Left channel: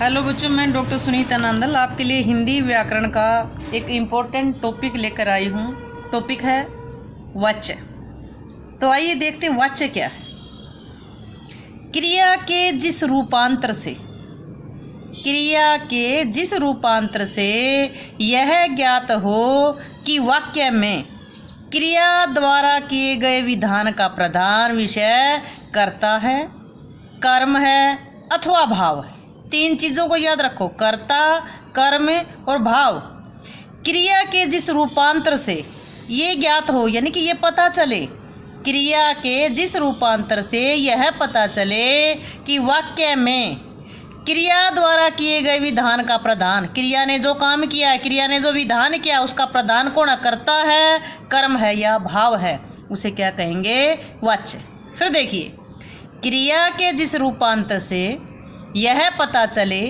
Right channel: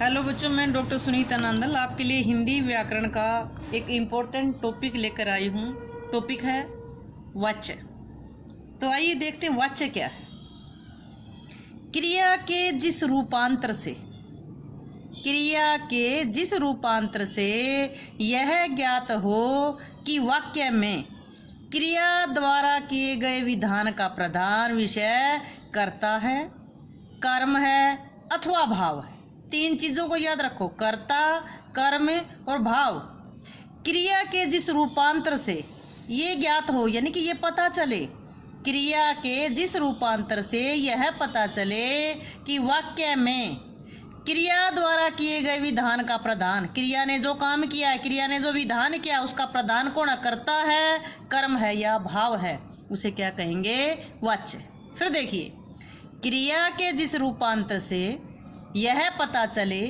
Hello बच्चों, मैं doctor Sunita Nandal आपके लिए हिंदी व्याकरण का एक इम्पोर्टेंट टॉपिक लेकर आई हूँ। टॉपिक है वाच्य। तो आइए देखते हैं वाच्य क्या है। क्रिया के जिस रूपांतर से यह ज्ञात हो कि वाक्य में क्रिया द्वारा किए गए विधान का प्रधान विषय कर्ता है, कर्म है अथवा भाव है। तीन चीजों को याद रखो, कर्ता, कर्म और भाव। क्रिया के जिस रूपांतर से ये ज्ञात हो, यानी कि ये पता चले, क्रिया के जिस रूपांतर से यह पता चले कि वाक्य में क्रिया द्वारा किए गए विधान का प्रधान, क्रिया ने जो काम किया है, क्रिया ने जो विधान किया, उसका प्रधान कौन है? कर्ता है, कर्म है या भाव है, उसे क्या कहेंगे? वाच्य। फिर देखिए, क्रिया के जिस रूपांतर से यह पता चले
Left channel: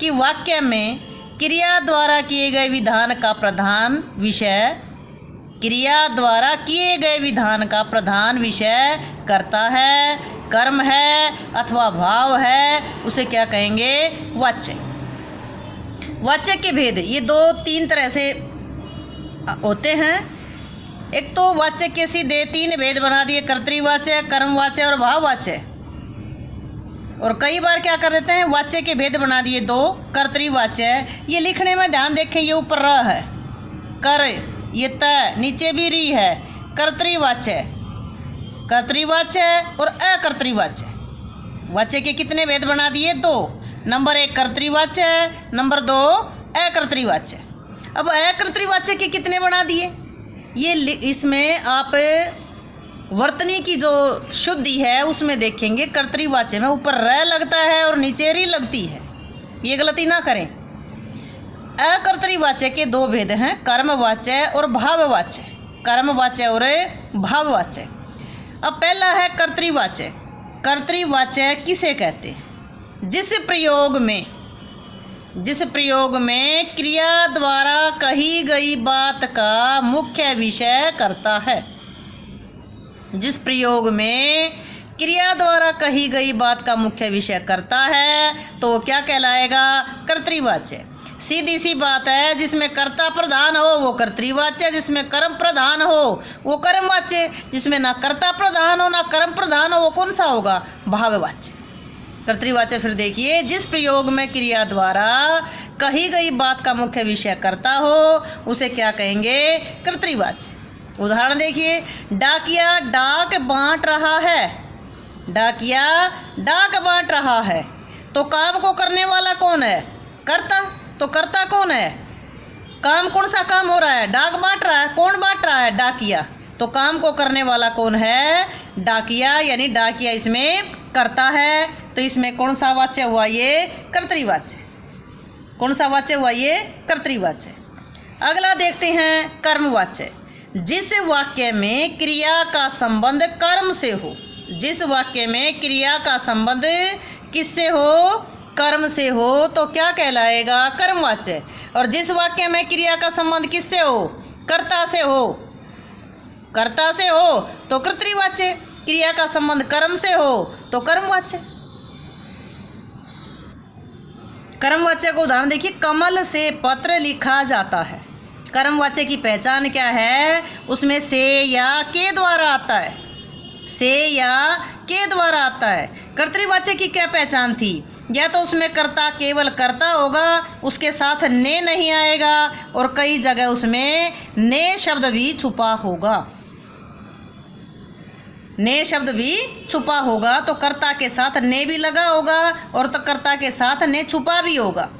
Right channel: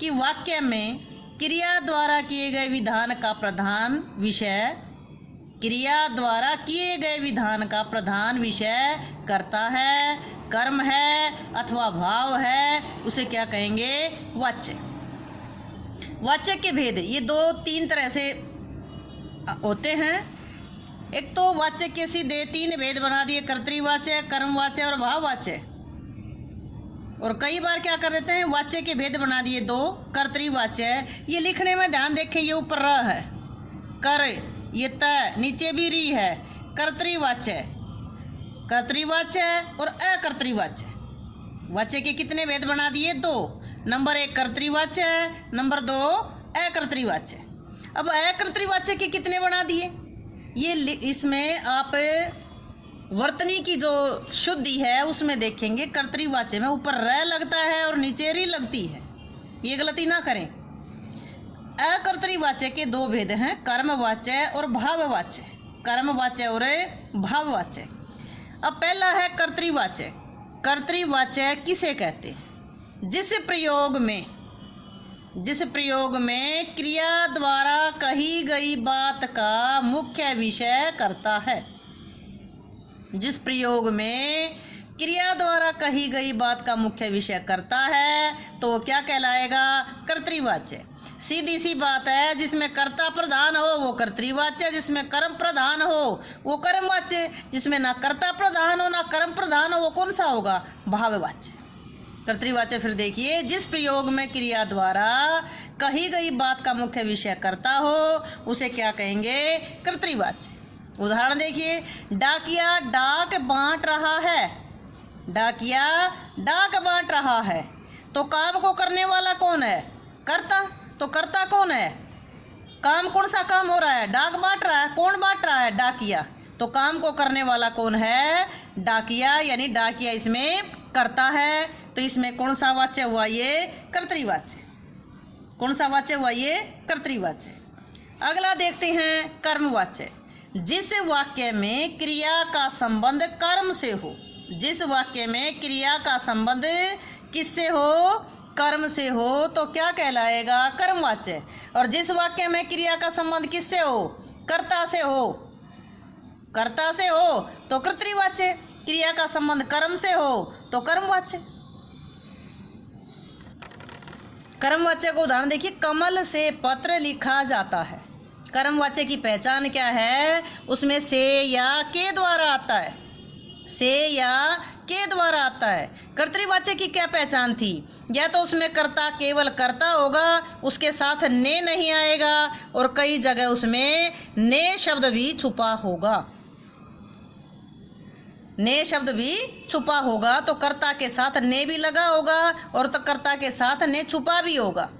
कि वाक्य में क्रिया द्वारा किए गए विधान का प्रधान विषय, क्रिया द्वारा किए गए विधान का प्रधान विषय कर्ता है, कर्म है अथवा भाव है, उसे क्या कहेंगे? वाच्य। वाच्य के भेद ये दो तीन तरह से होते हैं। एक तो वाच्य के सीधे तीन भेद बना दिए, कर्तृवाच्य, कर्मवाच्य और भाववाच्य। और कई बार क्या कर देते हैं, वाच्य के भेद बना दिए दो, कर्तृवाच्य। ये लिखने में ध्यान देखें, ये ऊपर र है, कर, ये त, नीचे भी री है। कर्तृवाच्य, कर्तृवाच्य और अकर्तृवाच्य। वाच्य के कितने भेद बना दिए? दो। नंबर एक कर्तृवाच्य, नंबर दो अकर्तृवाच्य। अब अकर्तृवाच्य के कितने बना दिए? ये इसमें आप वर्तनी की जो शुद्धि है उसमें देखेंगे, कर्तृवाच्य में ऊपर र लगता है और नीचे री लगती है, ये गलती ना करें। अकर्तृवाच्य के दो भेद हैं, कर्मवाच्य और भाववाच्य। कर्मवाच्य और भाववाच्य। अब पहला है कर्तृवाच्य। कर्तृवाच्य किसे कहते हैं? जिस प्रयोग में क्रिया द्वारा कही गई बात का मुख्य विषय कर्ता है। जिस प्रयोग में क्रिया द्वारा कही गई बात का मुख्य विषय करता है, तो क्या कहलाएगा? कर्तृवाच्य। सीधी सी बात है, जिसमें कर्ता प्रधान हो वो कर्तृवाच्य, जिसमें कर्म प्रधान हो वो कर्मवाच्य, जिसमें ना कर्ता प्रधान हो ना कर्म प्रधान हो वो कौन सा होगा? भाववाच्य। कर्तृवाच्य। फिर देखिए, जिस प्रयोग में क्रिया द्वारा कही गई बात का मुख्य विषय करता हो उसे क्या कहेंगे? कर्तृवाच्य। उदाहरण देखिए, डाकिया डाक बांट रहा है। डाकिया डाक बांट रहा है, तो काम को करने वाला कौन है? कर्ता। तो कर्ता कौन है? काम कौन सा काम हो रहा है? डाक बांट रहा है। कौन बांट रहा है? डाकिया। तो काम को करने वाला कौन है? डाकिया, यानी डाकिया इसमें कर्ता है। तो इसमें कौन सा वाच्य हुआ? ये कर्तृवाच्य। कौन सा वाच्य हुआ? ये कर्तृवाच्य। अगला देखते हैं कर्मवाच्य। जिस वाक्य में क्रिया का संबंध कर्म से हो, जिस वाक्य में क्रिया का संबंध किससे हो? कर्म से हो, तो क्या कहलाएगा? कर्मवाच्य। और जिस वाक्य में क्रिया का संबंध किससे हो? कर्ता से हो, कर्ता से हो तो कर्तृवाच्य। क्रिया का संबंध कर्म से हो तो कर्मवाच्य। कर्मवाच्य को उदाहरण देखिए, कमल से पत्र लिखा जाता है। कर्मवाच्य की पहचान क्या है? उसमें से या के द्वारा आता है, से या के द्वारा आता है। कर्तृवाच्य की क्या पहचान थी? या तो उसमें कर्ता केवल कर्ता होगा, उसके साथ ने नहीं आएगा, और कई जगह उसमें ने शब्द भी छुपा होगा। ने शब्द भी छुपा होगा, तो कर्ता के साथ ने भी लगा होगा और तो कर्ता के साथ ने छुपा भी होगा।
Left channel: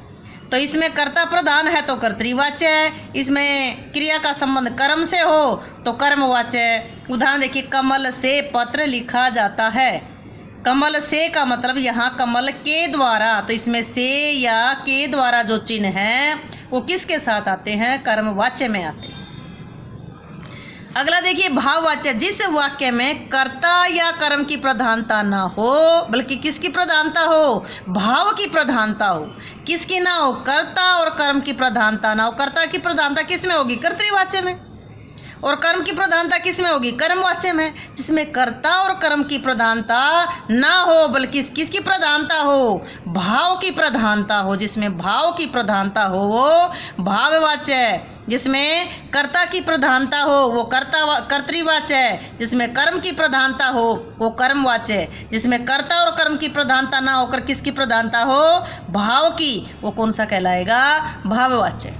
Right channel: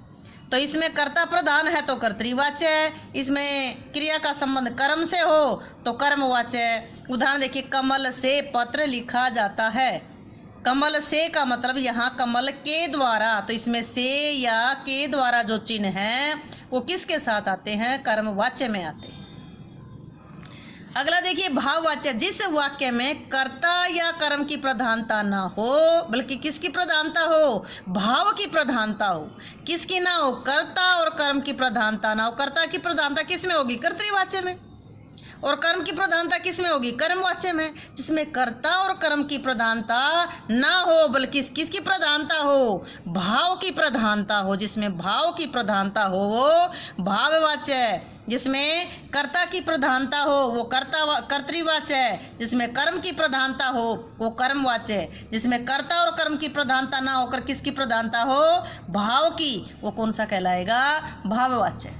तो इसमें कर्ता प्रधान है तो कर्तृवाच्य है, इसमें क्रिया का संबंध कर्म से हो तो कर्मवाच्य है। उदाहरण देखिए, कमल से पत्र लिखा जाता है। कमल से का मतलब यहाँ कमल के द्वारा, तो इसमें से या के द्वारा जो चिन्ह है वो किसके साथ आते हैं? कर्मवाच्य में आते हैं। अगला देखिए भाववाच्य। जिस वाक्य में कर्ता या कर्म की प्रधानता ना हो, बल्कि किसकी प्रधानता हो? भाव की प्रधानता हो। किसकी ना हो? कर्ता और कर्म की प्रधानता ना हो। कर्ता की प्रधानता किस में होगी? कर्तृवाच्य में। और कर्म की प्रधानता किस में होगी? कर्मवाच्य में, जिसमें कर्ता और कर्म की प्रधानता ना हो, बल्कि किसकी प्रधानता हो? भाव की प्रधानता हो। जिसमें भाव की प्रधानता हो वो भाववाच्य, जिसमें कर्ता की प्रधानता हो वो कर्तृवाच्य, जिसमें कर्म की प्रधानता हो वो कर्मवाच्य, जिसमें कर्ता और कर्म की प्रधानता ना होकर किसकी प्रधानता हो? भाव की, वो कौन सा कहलाएगा? भाववाच्य।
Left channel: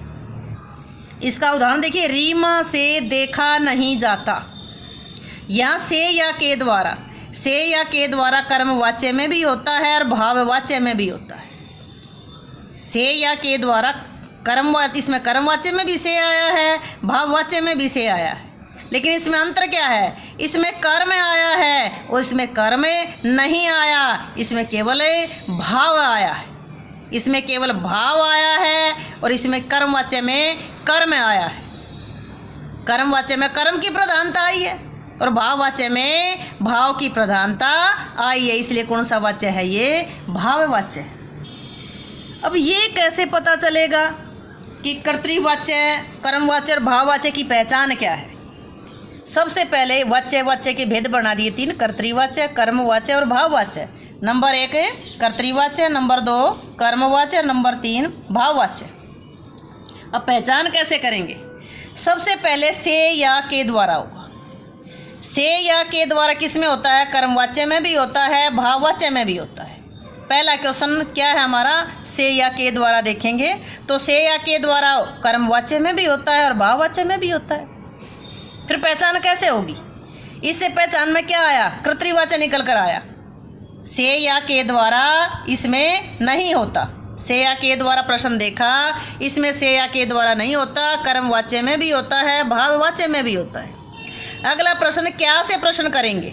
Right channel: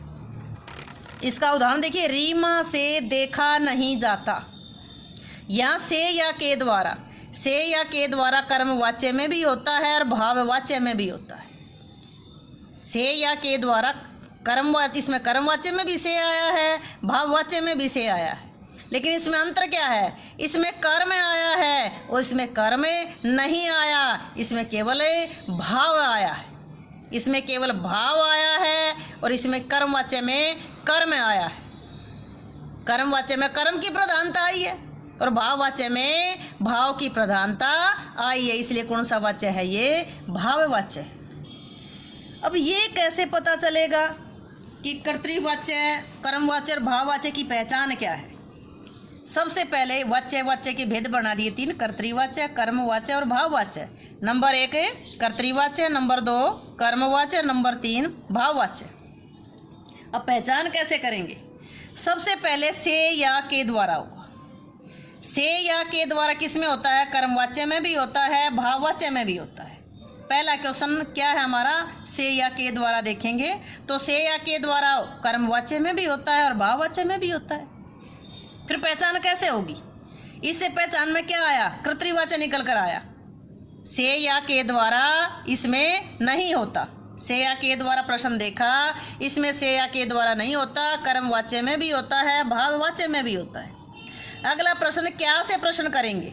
इसका उदाहरण देखिए, रीमा से देखा नहीं जाता। यहाँ से या के द्वारा, से या के द्वारा कर्मवाच्य में भी होता है और भाववाच्य में भी होता है। से या के द्वारा कर्मवाच्य, इसमें कर्मवाच्य में भी से आया है, भाववाच्य में भी से आया है, लेकिन इसमें अंतर क्या है? इसमें कर्म आया है और इसमें कर्म नहीं आया, इसमें केवल भाव आया है। इसमें केवल भाव आया है और इसमें कर्मवाच्य में कर्म आया है। कर्मवाच्य में कर्म की प्रधानता आई है और भाववाच्य में भाव की प्रधानता आई है, इसलिए कौन सा वाच्य है? ये भाववाच्य है। अब ये कैसे पता चलेगा कि कर्तृवाच्य, कर्मवाच्य और भाववाच्य की पहचान क्या है? सबसे पहले वाच्य के भेद बना दिए 3, कर्तृवाच्य, कर्मवाच्य और भाववाच्य। नंबर 1 कर्तृवाच्य, नंबर 2 कर्मवाच्य, नंबर 3 भाववाच्य। अब पहचान कैसे करेंगे? सबसे पहले से या के द्वारा होगा। से या के द्वारा किस में होता है? कर्मवाच्य में भी होता है, भाववाच्य में भी होता है। पहला क्वेश्चन क्या है हमारा? से या के द्वारा देखेंगे तो से या के द्वारा कर्मवाच्य में भी होता है और भाववाच्य में भी होता है। फिर पहचान कैसे होगी? इससे पहचान में क्या आया? कर्तृवाच्य निकल कर आया। से या के द्वारा इसमें नहीं होता। से या के द्वारा प्रश्न देखा, इसमें से या के द्वारा नहीं होता, कर्मवाच्य में भी होता है, भाववाच्य में भी होता है। अगला प्रश्न क्या से प्रश्न करेंगे?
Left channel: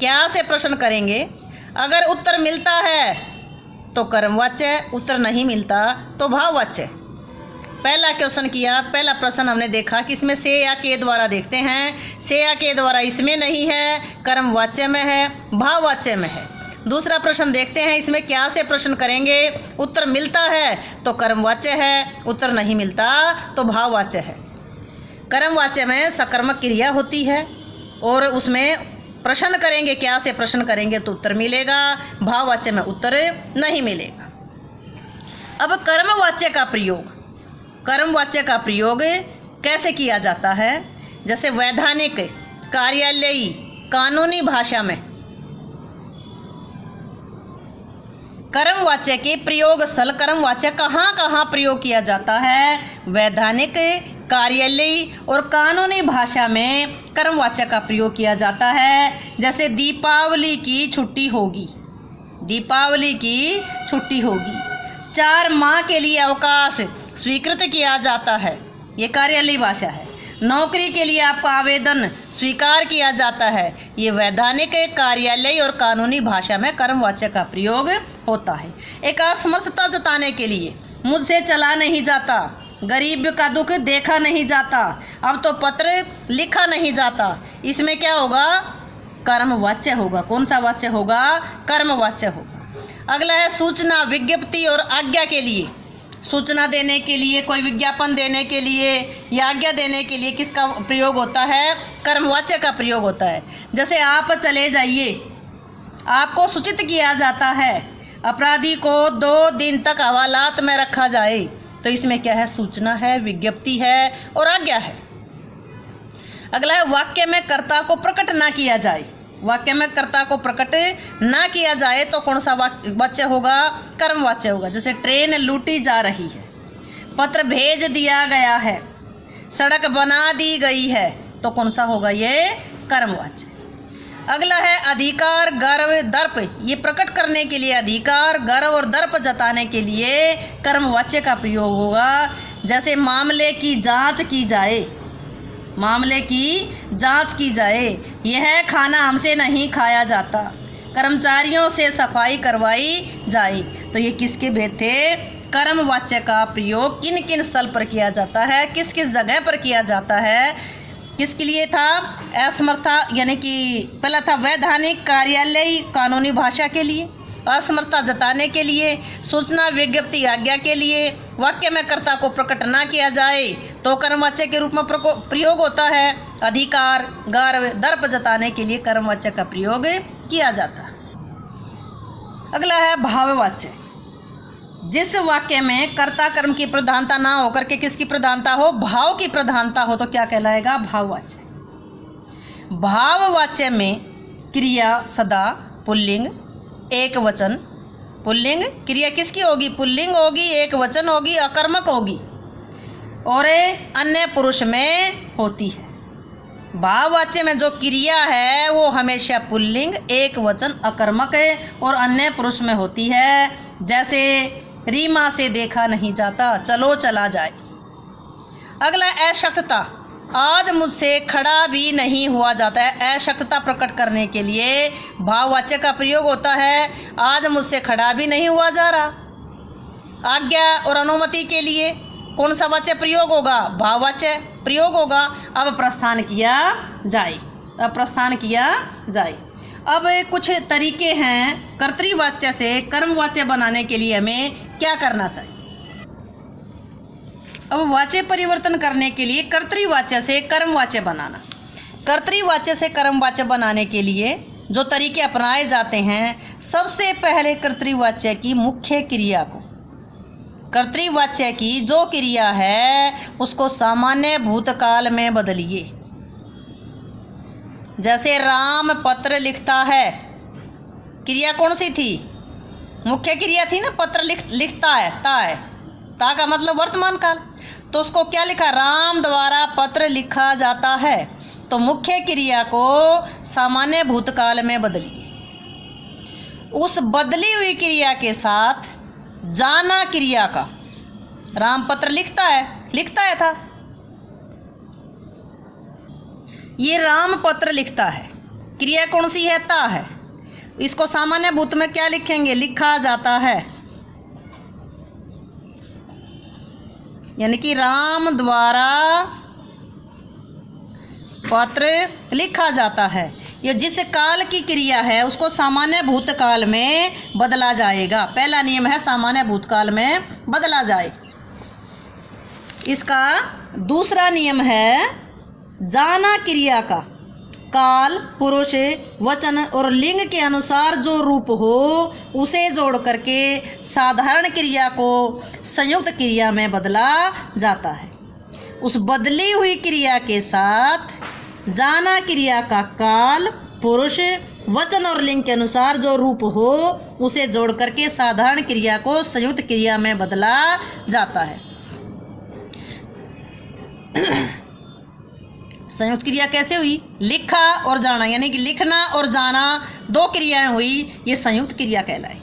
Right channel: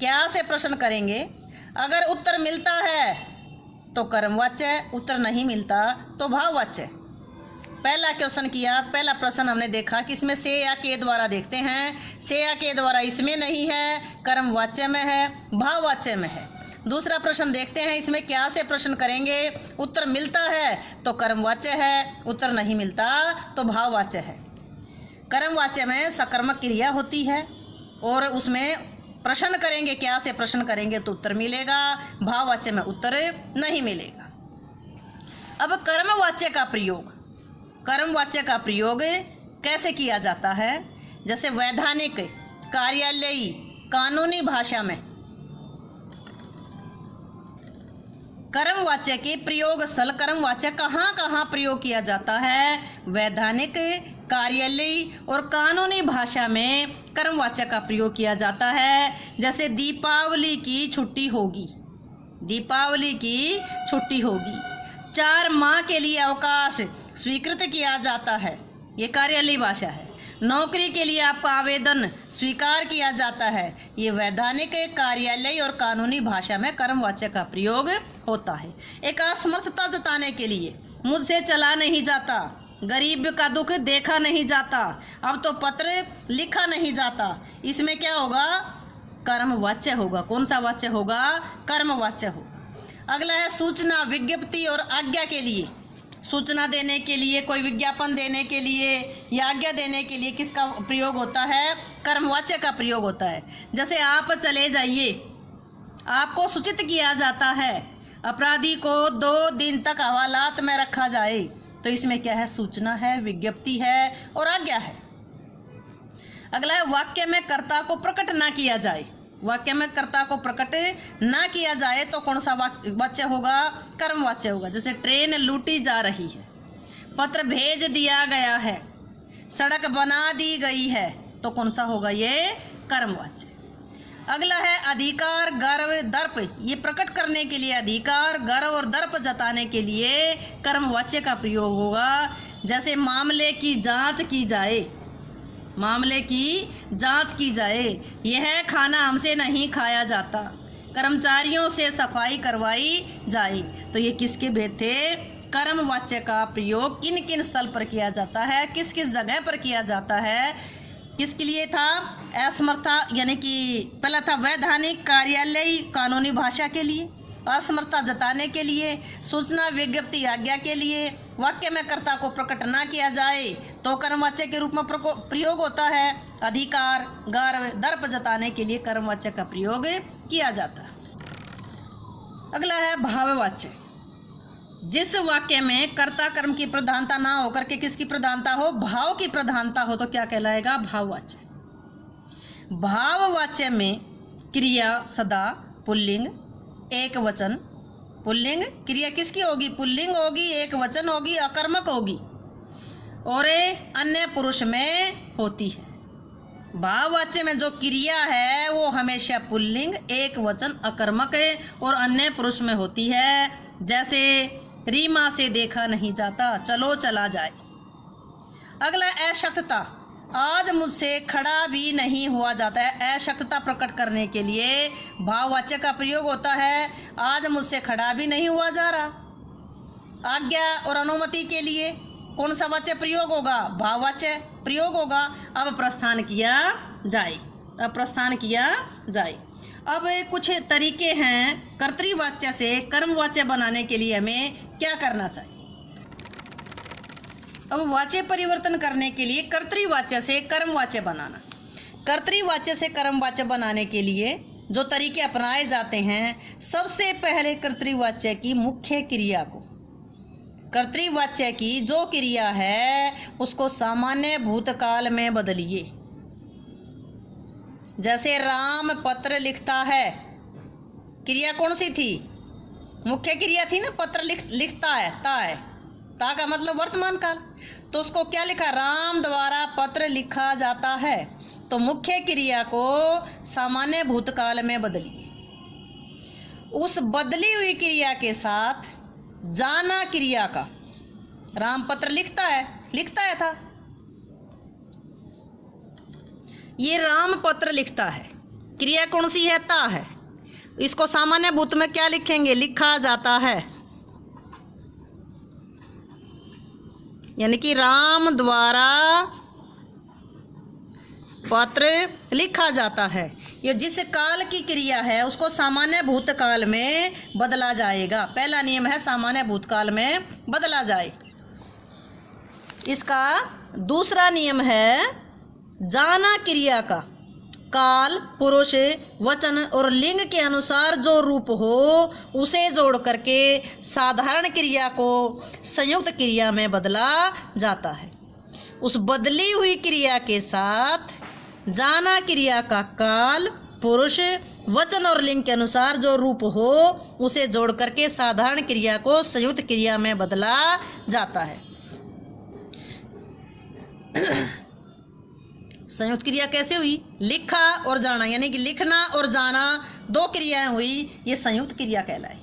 क्या से प्रश्न करेंगे? अगर उत्तर मिलता है तो कर्मवाच्य, उत्तर नहीं मिलता तो भाववाच्य। पहला क्वेश्चन किया, पहला प्रश्न हमने देखा कि इसमें से या के द्वारा देखते हैं, से या के द्वारा इसमें नहीं है, कर्मवाच्य में है, भाववाच्य में है। दूसरा प्रश्न देखते हैं, इसमें क्या से प्रश्न करेंगे? उत्तर मिलता है तो कर्मवाच्य है, उत्तर नहीं मिलता तो भाववाच्य है। कर्मवाच्य में सकर्मक क्रिया होती है और उसमें प्रश्न करेंगे, क्या से प्रश्न करेंगे तो उत्तर मिलेगा, भाववाच्य में उत्तर नहीं मिलेगा। अब कर्मवाच्य का प्रयोग, कर्मवाच्य का प्रयोग कैसे किया जाता है? जैसे वैधानिक, कार्यालयी, कानूनी भाषा में कर्मवाच्य के प्रयोग स्थल, कर्मवाच्य कहाँ कहाँ प्रयोग किया जाता है? वैधानिक, कार्यालयी और कानूनी भाषा में कर्मवाच्य का प्रयोग किया जाता है। जैसे दीपावली की छुट्टी होगी, दीपावली की छुट्टी होगी। 4 माह के लिए अवकाश स्वीकृत किया जाता है, ये कार्यालयी भाषा है। नौकरी के लिए आपका आवेदन स्वीकार किया जाता है, ये वैधानिक, कार्यालयी और कानूनी भाषा में कर्मवाच्य का प्रयोग होता है। एक असमर्थता जताने के लिए, मुझसे चला नहीं जाता, गरीब का दुख देखा नहीं जाता, अब तो पत्र लिखा नहीं जाता, इसमें क्या होगा? कर्मवाच्य होगा। कौन सा वाच्य होगा? कर्मवाच्य होगा। अगला है सूचना, विज्ञप्ति और आज्ञा के लिए। सूचना देने के लिए, कोई विज्ञापन देने के लिए या आज्ञा देने के लिए किसका प्रयोग होता है? कर्मवाच्य का प्रयोग होता है। जैसे आप चले जाइए, आपको सूचित किया जाता है, अपराधी को 2 दिन तक हवालात में रखा जाए, तो इसमें क्या है? सूचना है, विज्ञप्ति है और आज्ञा है। अगला है वाक्य में कर्ता को प्रकट ना किया जाए। वाक्य में कर्ता को प्रकट ना किया जाए तो कौन सा वाच्य होगा? कर्मवाच्य होगा। जैसे ट्रेन लूटी जा रही है, पत्र भेज दिया गया है, सड़क बना दी गई है, तो कौन सा होगा? ये कर्मवाच्य। अगला है अधिकार, गर्व, दर्प। ये प्रकट करने के लिए अधिकार, गर्व और दर्प जताने के लिए कर्मवाच्य का प्रयोग होगा। जैसे मामले की जांच की जाए, मामले की जांच की जाए, यह खाना हमसे नहीं खाया जाता, कर्मचारियों से सफाई करवाई जाए, तो ये किसके भेद थे? कर्मवाच्य का प्रयोग किन किन स्थल पर किया जाता है, किस किस जगह पर किया जाता है, किसके लिए था? असमर्था, यानी कि पहला था वैधानिक, कार्यालयी, कानूनी भाषा के लिए, असमर्थता जताने के लिए, सूचना, विज्ञप्ति, आज्ञा के लिए, वाक्य में कर्ता को प्रकट ना किया जाए तो कर्मवाच्य के रूप में प्रयोग होता है। अधिकार, गर्व, दर्प जताने के लिए कर्मवाच्य का प्रयोग किया जाता है। अगला है भाववाच्य। जिस वाक्य में कर्ता कर्म की प्रधानता ना होकर के किसकी प्रधानता हो, भाव की प्रधानता हो, तो क्या कहलाएगा, भाववाच्य। भाववाच्य में क्रिया सदा पुल्लिंग, एक वचन, पुल्लिंग क्रिया किसकी होगी, पुल्लिंग होगी, एक वचन होगी, अकर्मक होगी और अन्य पुरुष में होती है। भाववाच्य में जो क्रिया है वो हमेशा पुल्लिंग, एक वचन, अकर्मक है और अन्य पुरुष में होती है। जैसे रीमा से देखा नहीं जाता, चलो चला जाए। अगला अशक्तता। आज मुझसे खड़ा भी नहीं हुआ जाता है। अशक्तता प्रकट करने के लिए भाववाच्य का प्रयोग होता है। आज मुझसे खड़ा भी नहीं हुआ जा रहा। आज्ञा और अनुमति के लिए कौन सा वाच्य प्रयोग होगा, भाववाच्य प्रयोग होगा। अब प्रस्थान किया जाए, अब प्रस्थान किया जाए। अब कुछ तरीके हैं कर्तृवाच्य से कर्मवाच्य बनाने के लिए हमें क्या करना चाहिए। अब वाच्य परिवर्तन करने के लिए कर्तृवाच्य से कर्मवाच्य बनाना। कर्तृवाच्य से कर्मवाच्य बनाने के लिए जो तरीके अपनाए जाते हैं, सबसे पहले कर्तृवाच्य की मुख्य क्रिया को, कर्तृवाच्य की जो क्रिया है उसको सामान्य भूतकाल में बदलिए। जैसे राम पत्र लिखता है, क्रिया कौन सी थी, मुख्य क्रिया थी ना, पत्र लिखता है, ता का मतलब वर्तमान काल, तो उसको क्या लिखा, राम द्वारा पत्र लिखा जाता है। तो मुख्य क्रिया को सामान्य भूतकाल में बदलिए। उस बदली हुई क्रिया के साथ जाना क्रिया का, राम पत्र लिखता है था, ये राम पत्र लिखता है, क्रिया कौन सी है, ता है। इसको सामान्य भूत में क्या लिखेंगे, लिखा जाता है, यानी कि राम द्वारा पत्र लिखा जाता है। ये जिस काल की क्रिया है उसको सामान्य भूतकाल में बदला जाएगा। पहला नियम है सामान्य भूतकाल में बदला जाए। इसका दूसरा नियम है जाना क्रिया का काल, पुरुष, वचन और लिंग के अनुसार जो रूप हो उसे जोड़ करके साधारण क्रिया को संयुक्त क्रिया में बदला जाता है। उस बदली हुई क्रिया के साथ जाना क्रिया का काल, पुरुष, वचन और लिंग के अनुसार जो रूप हो उसे जोड़ करके साधारण क्रिया को संयुक्त क्रिया में बदला जाता है। संयुक्त क्रिया कैसे हुई, लिखा और जाना, यानी कि लिखना और जाना दो क्रियाएं हुई, ये संयुक्त क्रिया कहलाई।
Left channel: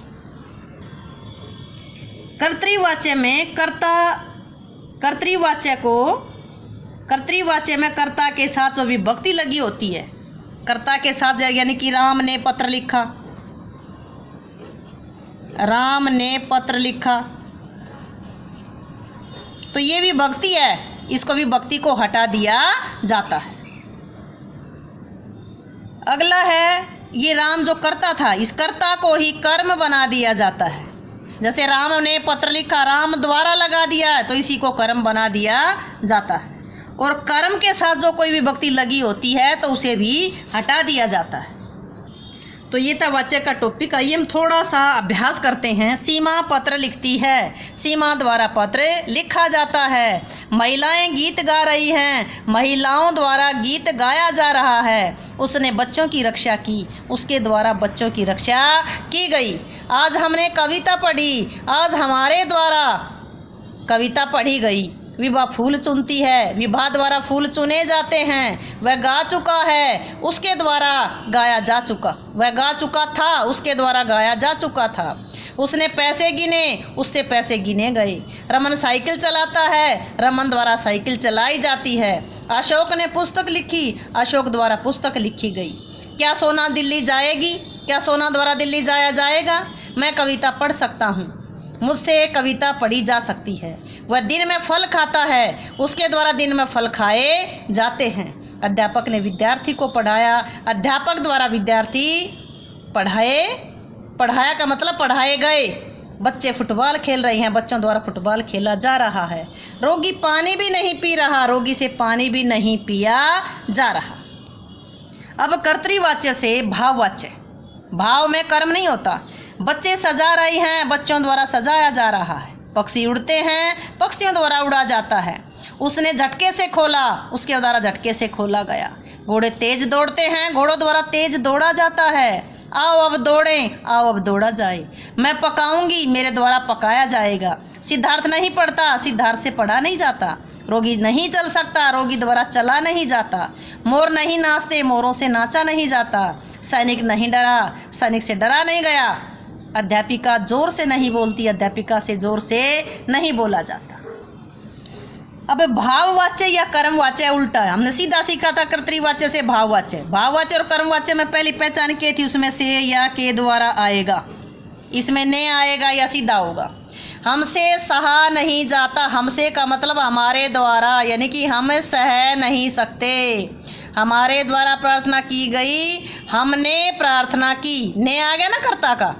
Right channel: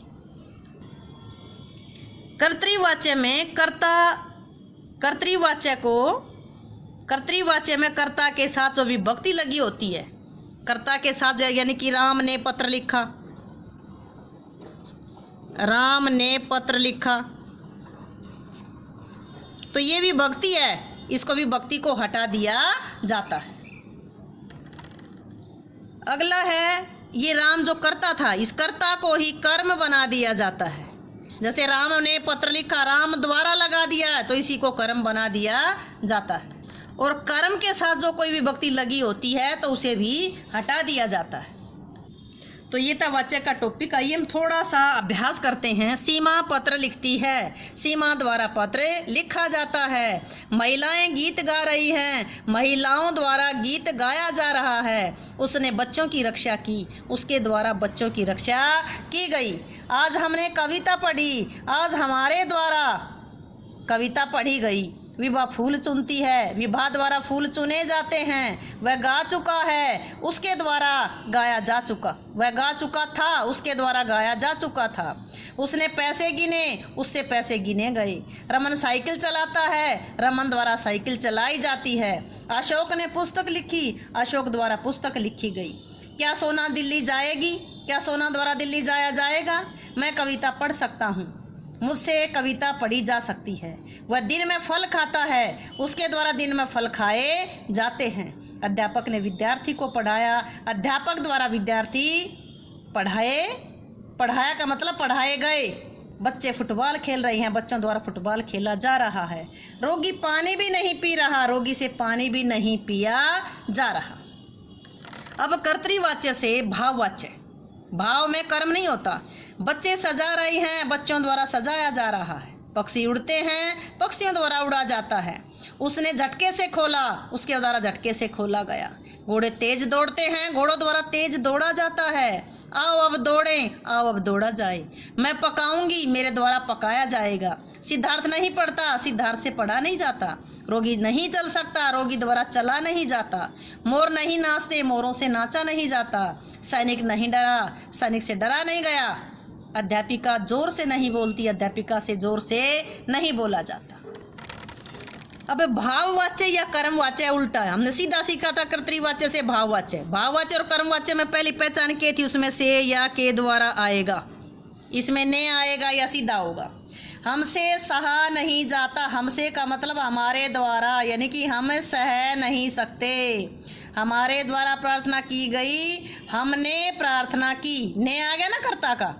कर्तृवाच्य में कर्तृवाच्य में कर्ता के साथ जो विभक्ति लगी होती है, कर्ता के साथ, यानी कि राम ने पत्र लिखा, राम ने पत्र लिखा, तो ये विभक्ति है, इसको विभक्ति को हटा दिया जाता है। अगला है ये राम जो कर्ता था, इस कर्ता को ही कर्म बना दिया जाता है। जैसे राम ने पत्र लिखा, राम द्वारा लगा दिया है तो इसी को कर्म बना दिया जाता है। और कर्म के साथ जो कोई विभक्ति लगी होती है तो उसे भी हटा दिया जाता है। तो ये था वाच्य का टॉपिक। आइए हम थोड़ा सा अभ्यास करते हैं। सीमा पत्र लिखती है, सीमा द्वारा पत्र लिखा जाता है। महिलाएं गीत गा रही हैं, महिलाओं द्वारा गीत गाया जा रहा है। उसने बच्चों की रक्षा की, उसके द्वारा बच्चों की रक्षा की गई। आज हमने कविता पढ़ी, आज हमारे द्वारा कविता पढ़ी गई। विभा फूल चुनती है, विभा द्वारा फूल चुने जाते हैं। वह गा चुका है, उसके द्वारा गाया जा चुका, वह गा चुका था, उसके द्वारा गाया जा चुका था। उसने पैसे गिने, उससे पैसे गिने गए। रमन साइकिल चलाता है, रमन द्वारा साइकिल चलाई जाती है। अशोक ने पुस्तक लिखी, अशोक द्वारा पुस्तक लिखी गई। क्या सोना दिल्ली जाएगी, क्या सोना द्वारा दिल्ली जाया जाएगा। मैं कविता पढ़ सकता हूँ, मुझसे कविता पढ़ी जा सकती है। वह दिन में फल खाता है, उसके द्वारा दिन में फल खाए जाते हैं। अध्यापक ने विद्यार्थी को पढ़ाया, अध्यापक द्वारा विद्यार्थी पढ़ाया का मतलब पढ़ाए गए। बच्चे फुटबॉल खेल रहे हैं, बच्चों द्वारा फुटबॉल खेला जा रहा है। रोगी पानी भी नहीं पी रहा, रोगी से पानी भी नहीं पिया जा रहा। अब कर्तृवाच्य से भाववाच्य। भाव में कर्म नहीं होता। बच्चे सजा रहे हैं, बच्चों द्वारा सजाया जा रहा है। पक्षी उड़ते हैं, पक्षियों द्वारा उड़ा जाता है। उसने झटके से खोला, उसके द्वारा झटके से खोला गया। घोड़े तेज दौड़ते हैं, घोड़ों द्वारा तेज दौड़ा जाता है। आओ अब दौड़ें, आओ अब दौड़ा जाए। मैं पकाऊंगी, मेरे द्वारा पकाया जाएगा। सिद्धार्थ नहीं पढ़ता, सिद्धार्थ से पढ़ा नहीं जाता। रोगी नहीं चल सकता, रोगी द्वारा चला नहीं जाता। मोर नहीं नाचते, मोरों से नाचा नहीं जाता। सैनिक नहीं डरा, सैनिक से डरा नहीं गया। अध्यापिका जोर से नहीं बोलती, अध्यापिका से जोर से नहीं बोला जाता। अब भाववाच्य या कर्मवाच्य उल्टा है। हमने सीधा सीखा था कर्तृवाच्य से भाववाच्य। भाववाच्य और कर्मवाच्य में पहली पहचान की थी, उसमें से या के द्वारा आएगा, इसमें ने आएगा या सीधा होगा। हमसे सहा नहीं जाता, हमसे का मतलब हमारे द्वारा, यानी कि हम सह नहीं सकते। हमारे द्वारा प्रार्थना की गई, हमने प्रार्थना की। ने आ गया ना कर्ता का।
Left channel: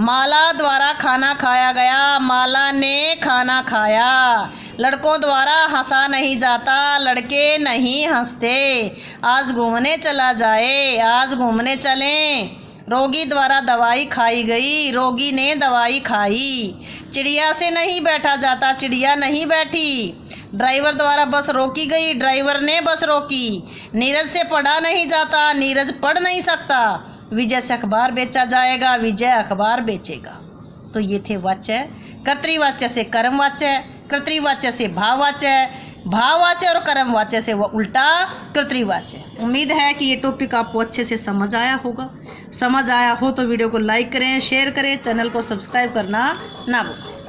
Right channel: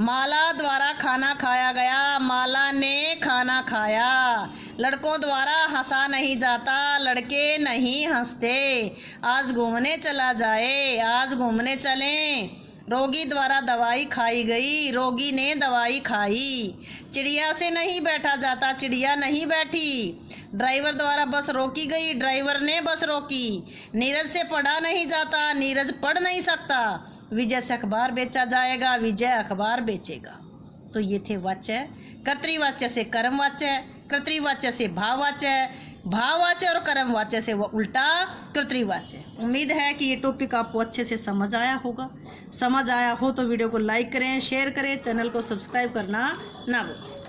माला द्वारा खाना खाया गया, माला ने खाना खाया। लड़कों द्वारा हंसा नहीं जाता, लड़के नहीं हंसते। आज घूमने चला जाए, आज घूमने चलें। रोगी द्वारा दवाई खाई गई, रोगी ने दवाई खाई। चिड़िया से नहीं बैठा जाता, चिड़िया नहीं बैठी। ड्राइवर द्वारा बस रोकी गई, ड्राइवर ने बस रोकी। नीरज से पढ़ा नहीं जाता, नीरज पढ़ नहीं सकता। विजय से अखबार बेचा जाएगा, विजय अखबार बेचेगा। तो ये थे वाच्य। कर्तृवाच्य से कर्मवाच्य, कर्तृवाच्य से भाववाच्य, भाववाच्य और कर्मवाच्य से वो उल्टा कर्तृवाच्य। उम्मीद है कि ये टॉपिक आपको अच्छे से समझ आया होगा। समझ आया हो तो वीडियो को लाइक करें, शेयर करें, चैनल को सब्सक्राइब करना ना भूलें।